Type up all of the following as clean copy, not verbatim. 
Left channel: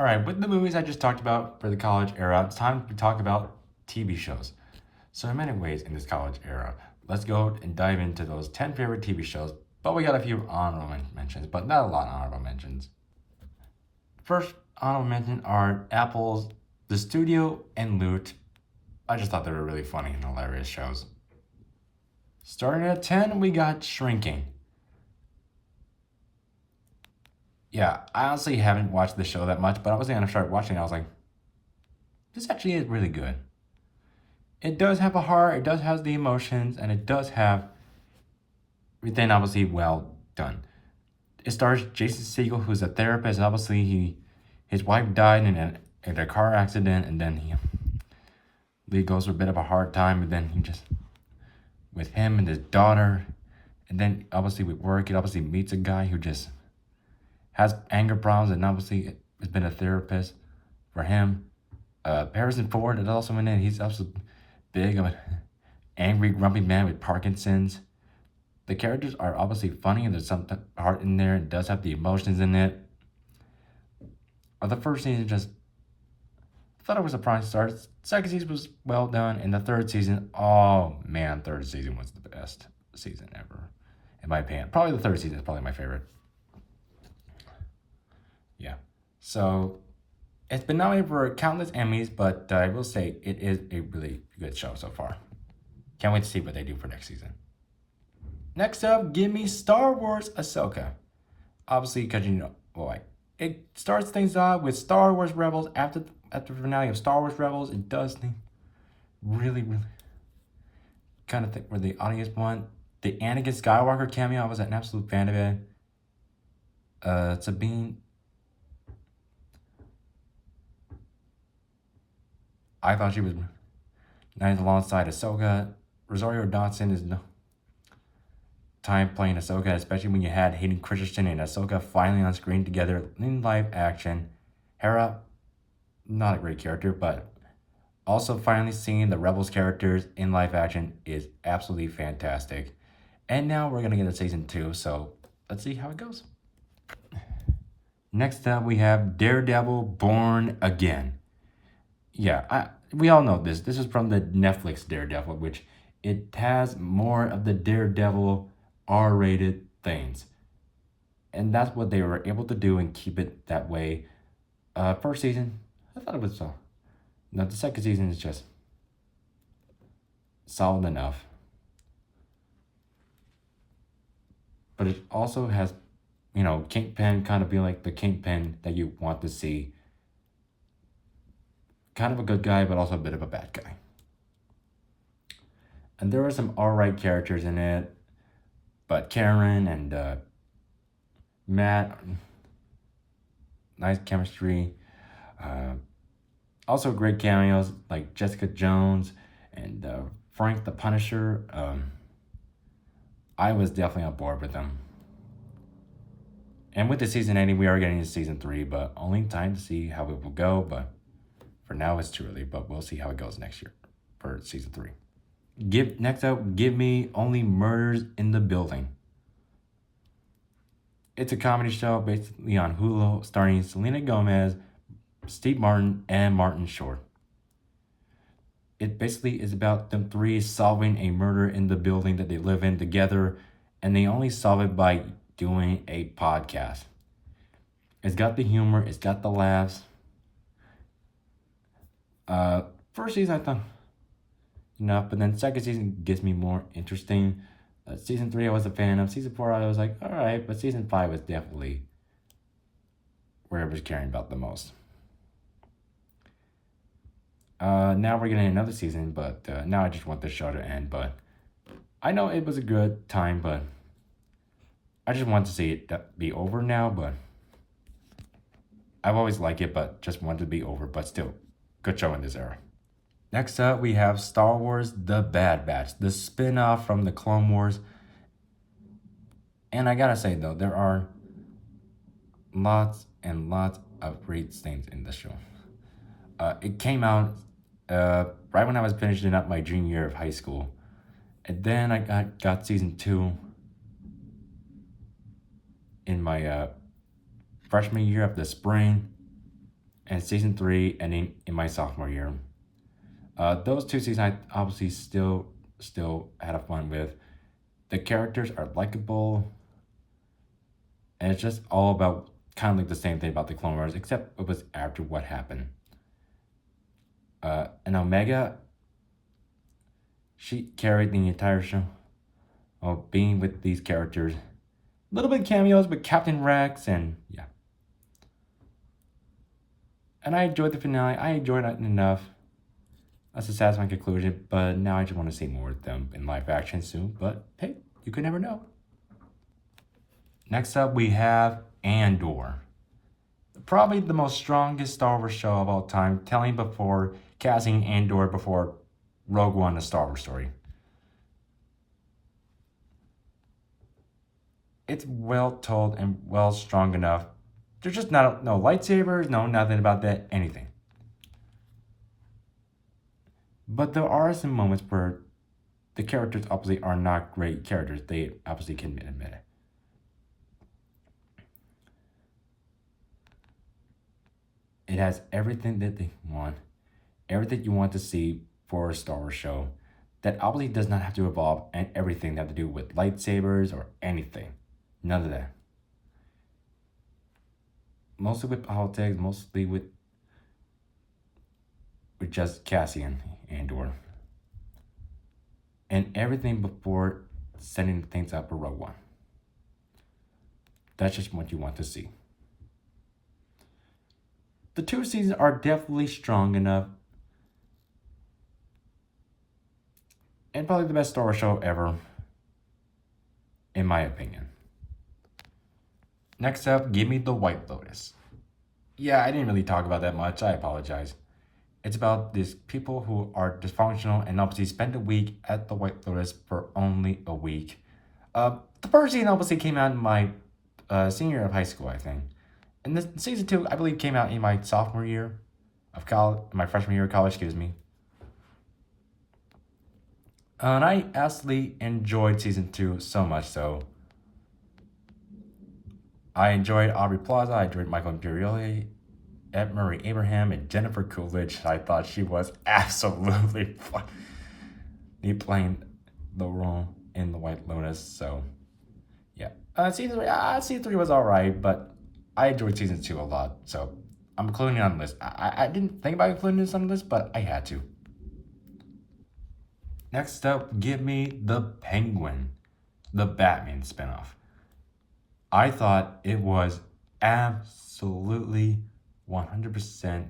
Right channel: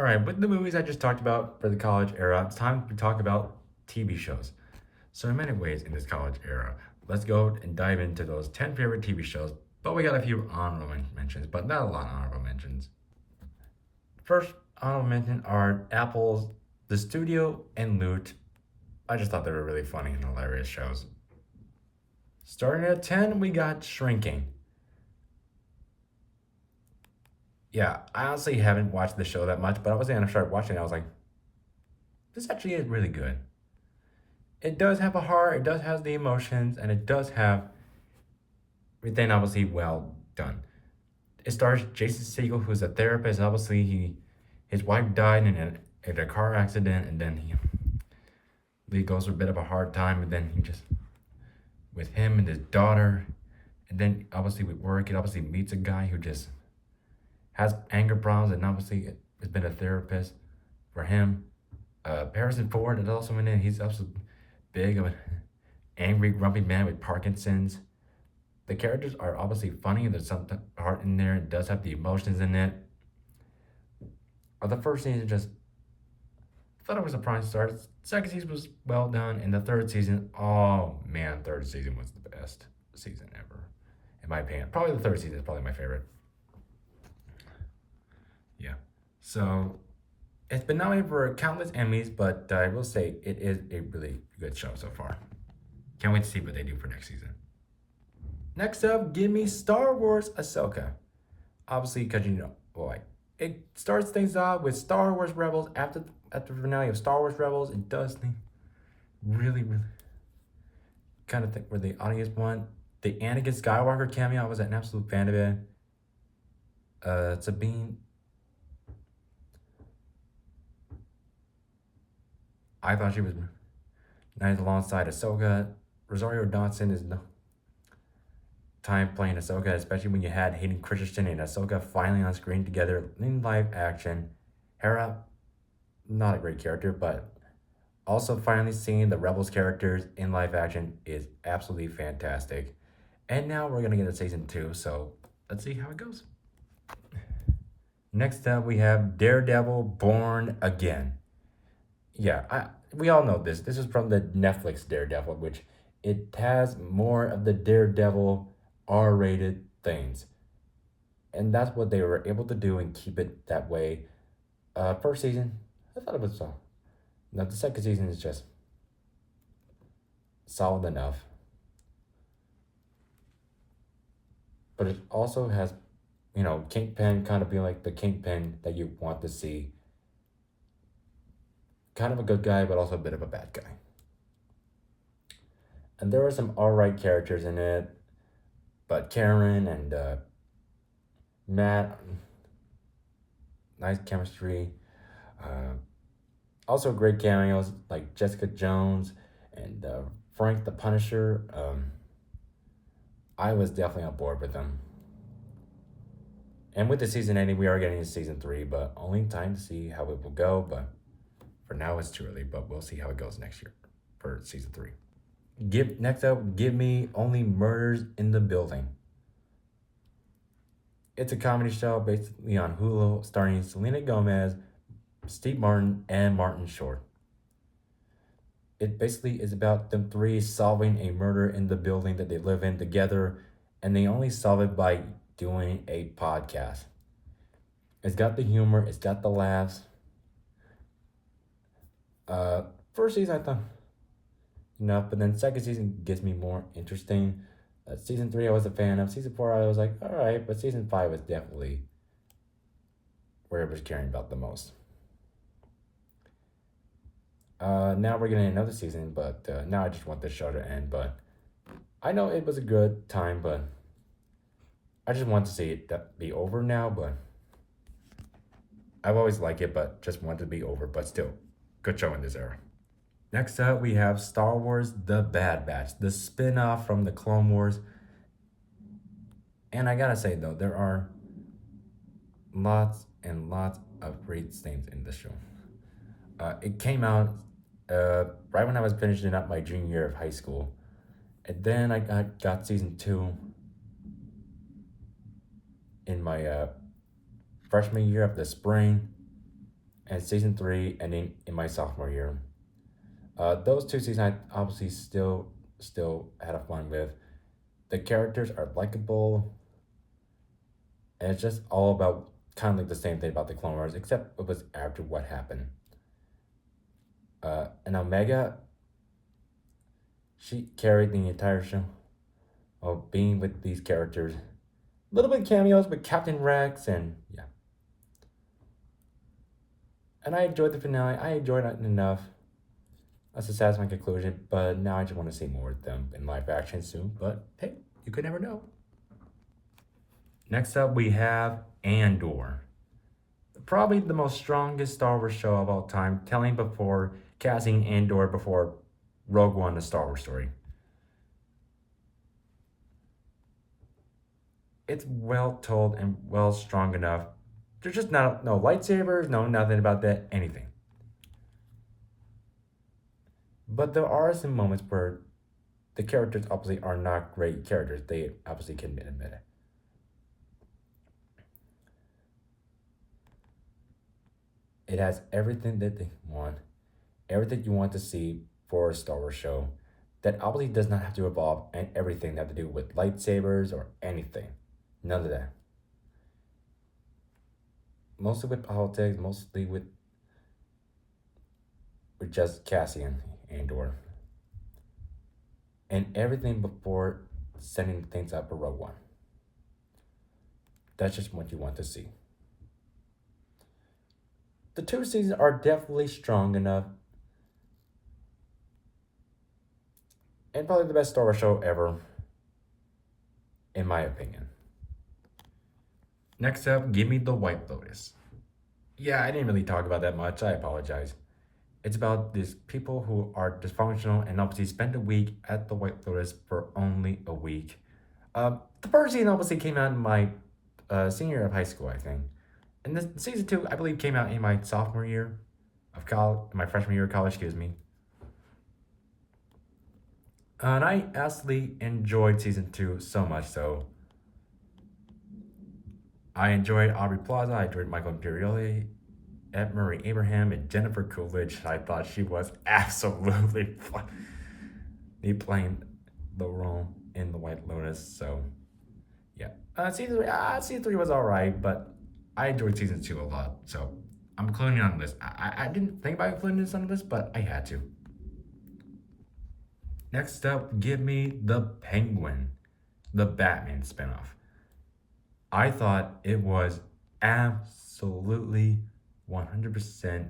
All right, with the movies I just talked about for the college era, it's time to talk about TV shows. So, in many ways, in this college era, let's go and dive into those 10 favorite TV shows. But we got a few honorable mentions, but not a lot of honorable mentions. First honorable mention are Apple's The Studio and Loot. I just thought they were really funny and hilarious shows. Starting at 10, we got Shrinking. Yeah, I honestly haven't watched the show that much, but I was gonna start watching it. I was like, this actually is really good. It does have a heart, it does have the emotions, and it does have everything obviously well done. It stars Jason Segel, who's a therapist. Obviously, his wife died in a car accident, and then he goes through a bit of a hard time, and then he just with him and his daughter, and then obviously with work, he obviously meets a guy who just has anger problems, and obviously has been a therapist for him. Harrison Ford is also in it. He's also big of an angry, grumpy man with Parkinson's. The characters are obviously funny, and there's some heart in there. It does have the emotions in it. The first season just I thought it was a prime start. Second season was well done, and the third season, oh man, third season was the best season ever, in my opinion. Probably the third season is probably my favorite. Yeah. So it's been nominated for countless Emmys, but I will say it is a really good show so far. Can't wait to see what they do for next season. Next up, give me Star Wars Ahsoka. Obviously, because like it starts things off with Star Wars Rebels. After the finale of Star Wars Rebels, it does things really kind of think where the audience want. The Anakin Skywalker cameo, I was an absolute fan of it. Sabine, I thought she was nice alongside Ahsoka. Rosario Dawson is no time playing Ahsoka, especially when you had Hayden Christensen and Ahsoka finally on screen together in live action. Hera, not a great character, but also finally seeing the Rebels characters in live action is absolutely fantastic. And now we're gonna get to season 2, so let's see how it goes. Next up, we have Daredevil Born Again. Yeah, we all know this. This is from the Netflix Daredevil, which it has more of the Daredevil R-rated things. And that's what they were able to do and keep it that way. First season, I thought it was now the second season is just solid enough. But it also has, Kingpin kind of be like the Kingpin that you want to see. Kind of a good guy, but also a bit of a bad guy. And there were some alright characters in it, but Karen and Matt, nice chemistry. Also great cameos like Jessica Jones and Frank the Punisher. I was definitely on board with them. And with the season ending, we are getting to season 3, but only time to see how it will go. But for now, it's too early, but we'll see how it goes next year for season 3. Next up, give me Only Murders in the Building. It's a comedy show basically on Hulu, starring Selena Gomez, Steve Martin, and Martin Short. It basically is about them three solving a murder in the building that they live in together, and they only solve it by doing a podcast. It's got the humor, it's got the laughs. First season I thought enough, but then second season gets me more interesting. Season 3 I was a fan of. Season 4 I was like, alright, but season 5 was definitely where it was caring about the most. Now we're getting another season, but now I just want the show to end. But I know it was a good time, but I just want to see it be over now. But I've always liked it, but just want it to be over. But still, good show in this era. Next up, we have Star Wars The Bad Batch, the spin off from the Clone Wars. And I gotta say, though, there are lots and lots of great things in the show. It came out right when I was finishing up my junior year of high school. And then I got season 2 in my freshman year of the spring. and season three ending in my sophomore year. Those two seasons I obviously still had a fun with. The characters are likable, and it's just all about kind of like the same thing about the Clone Wars, except it was after what happened. And Omega, she carried the entire show of being with these characters. A little bit cameos with Captain Rex, and yeah. And I enjoyed the finale. I enjoyed it enough. That's a satisfying conclusion, but now I just want to see more of them in live action soon. But hey, you could never know. Next up, we have Andor. Probably the most strongest Star Wars show of all time, telling before casting Andor before Rogue One, the Star Wars story. It's well told and well strong enough. There's just not no lightsabers, no nothing about that, anything. But there are some moments where the characters obviously are not great characters. They obviously can admit it. It has everything that they want, everything you want to see for a Star Wars show. That obviously does not have to involve and everything that have to do with lightsabers or anything. None of that. Mostly with politics, mostly with just Cassian Andor. And everything before setting things up for Rogue One. That's just what you want to see. The two seasons are definitely strong enough. And probably the best Star Wars show ever, in my opinion. Next up, give me The White Lotus. Yeah, I didn't really talk about that much. I apologize. It's about these people who are dysfunctional and obviously spend a week at the White Lotus for only a week. The first season obviously came out in my senior year of high school, I think. And this season two, I believe, came out in my sophomore year of college, my freshman year of college, excuse me. And I absolutely enjoyed season two so much so. I enjoyed Aubrey Plaza, I enjoyed Michael Imperioli, Ed Murray Abraham, and Jennifer Coolidge. I thought she was absolutely funny playing the role in The White Lotus. So, yeah. Season three was alright, but I enjoyed season two a lot. So, I'm including it on the list. I didn't think about including this on the list, but I had to. Next up, give me The Penguin, the Batman spinoff. I thought it was absolutely 100%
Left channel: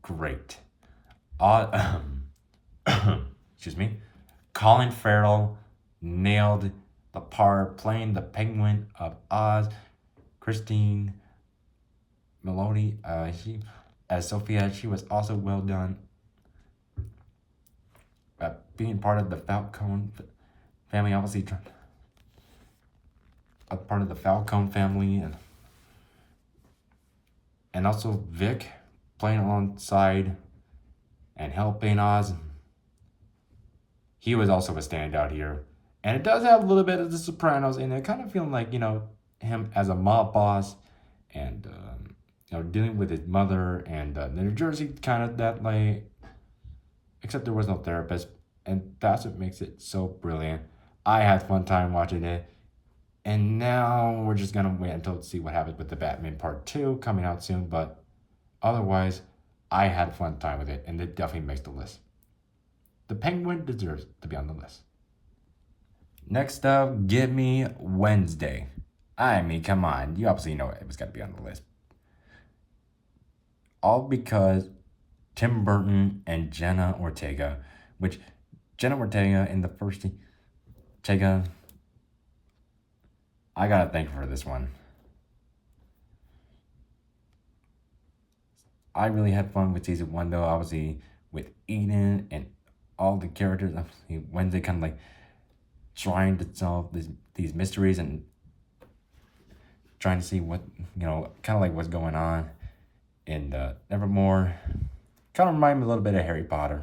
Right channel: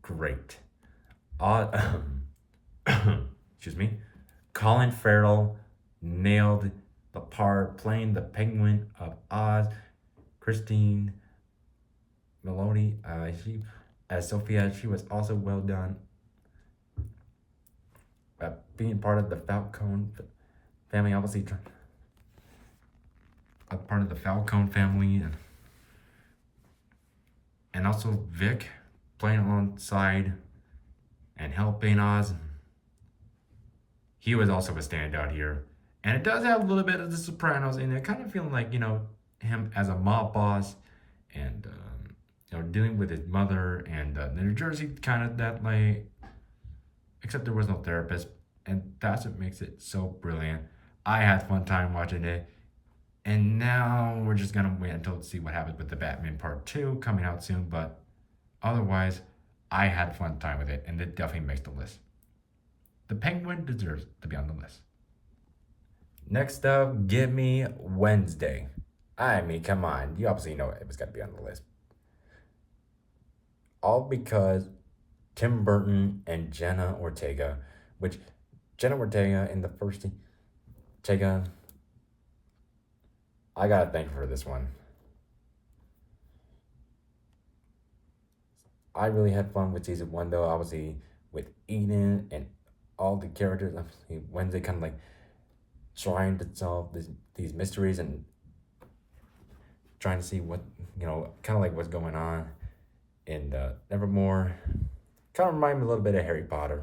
great. Excuse me. Colin Farrell nailed the part playing the Penguin of Oz. Christine Meloni, she as Sophia, she was also well done. Being part of the Falcone family, obviously a part of the Falcone family, and also Vic playing alongside and helping Oz. He was also a standout here. And it does have a little bit of The Sopranos in it, kind of feeling like, him as a mob boss and, dealing with his mother and the New Jersey kind of that way, except there was no therapist. And that's what makes it so brilliant. I had fun time watching it. And now we're just gonna wait until to see what happens with the Batman Part 2 coming out soon. But otherwise, I had fun time with it, and it definitely makes the list. The Penguin deserves to be on the list. Next up, give me Wednesday. I mean, come on, you obviously know it was gotta be on the list. All because Tim Burton and Jenna Ortega, which Jenna Ortega in the first Ortega, I gotta thank her for this one. I really had fun with season one though, obviously with Eden and all the characters. Obviously Wednesday kind of like trying to solve these mysteries and trying to see what kind of like what's going on. And Nevermore kind of remind me a little bit of Harry Potter.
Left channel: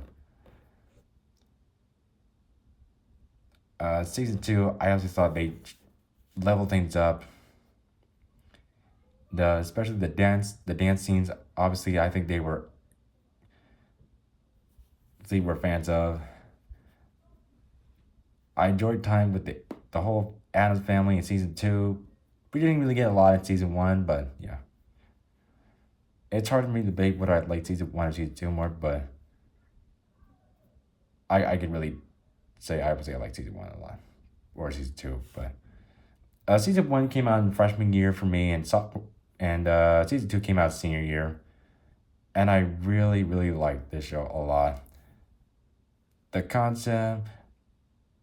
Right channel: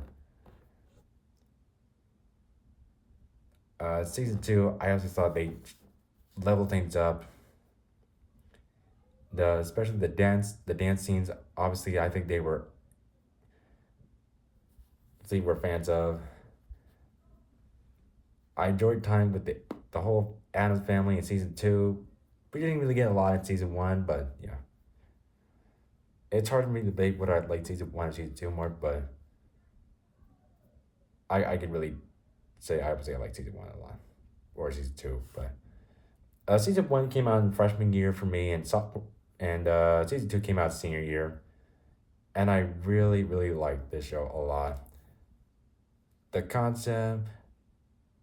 Season two, I also thought they leveled things up. Especially the dance scenes. Obviously, I think they were fans of. I enjoyed time with the whole Adams family in season two. We didn't really get a lot in season one, but yeah, it's hard for me to debate whether I like season one or season two more. But I can really say I would say I like season one a lot, or season two. But season one came out in freshman year for me, and season two came out senior year, and I really really liked this show a lot. The concept,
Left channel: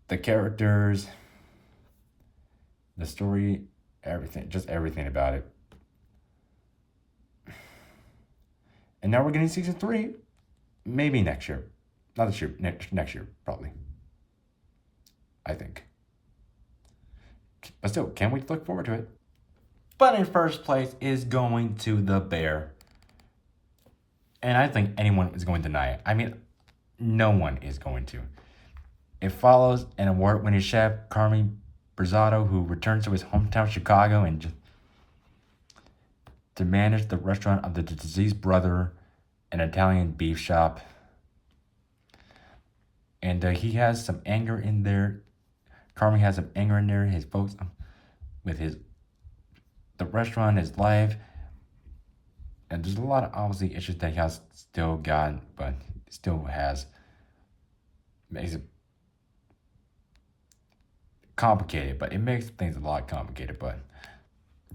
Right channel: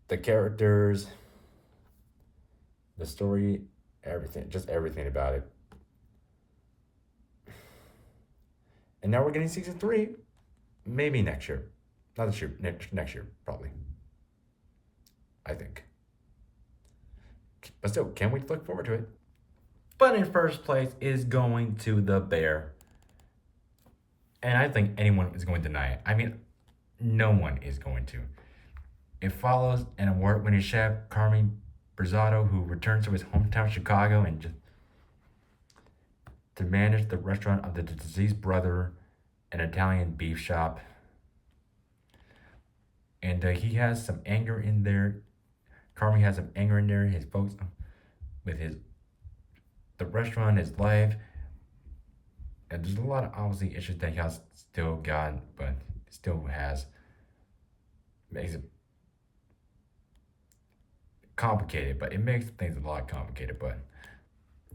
the characters, the story, everything, just everything about it. And now we're getting season three, maybe next year, not this year, next year probably. I think, but still, can't wait to look forward to it. But in first place is going to The Bear, and I think anyone is going to deny it. I mean, no one is going to. It follows an award-winning chef, Carmen Brizzato, who returns to his hometown Chicago and just to manage the restaurant of the deceased brother, an Italian beef shop. And he has some anger in there. Carmen has some anger in there. His folks, with the restaurant, his life, and there's a lot of obviously issues that he has still got, but still has. Makes it complicated, but it makes things a lot complicated. But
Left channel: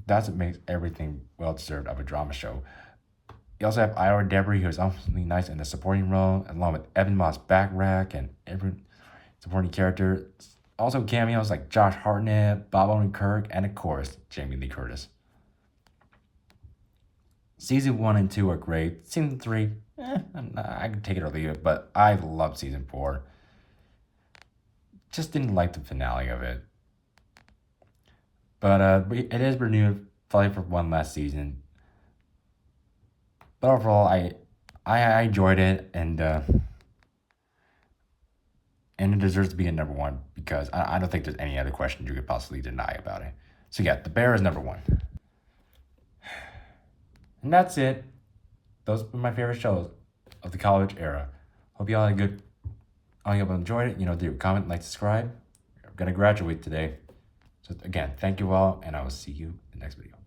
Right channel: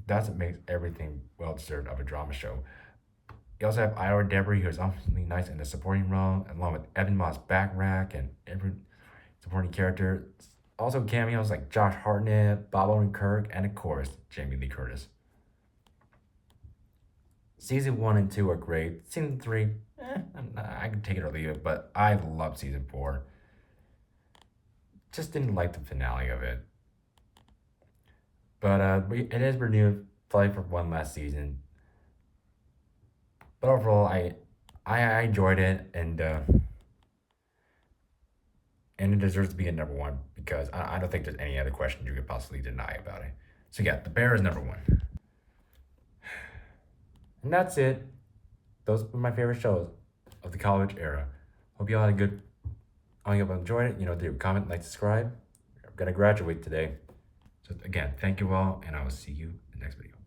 that's what makes everything well deserved of a drama show. You also have Ira Debris, who's absolutely nice in the supporting role, along with Evan Moss Backrack and every supporting character. Also cameos like Josh Hartnett, Bob Odenkirk, and of course, Jamie Lee Curtis. Season 1 and 2 are great. Season 3, I can take it or leave it, but I love season 4. Just didn't like the finale of it. But it is renewed probably for one last season. But overall, I enjoyed it, and it deserves to be at number one because I don't think there's any other question you could possibly deny about it. So yeah, The Bear is number one. And that's it. Those were my favorite shows of the college era. Hope you all had a good. I hope you enjoyed it. Do comment, like, subscribe. I'm gonna graduate today. So again, thank you all, and I will see you in the next video.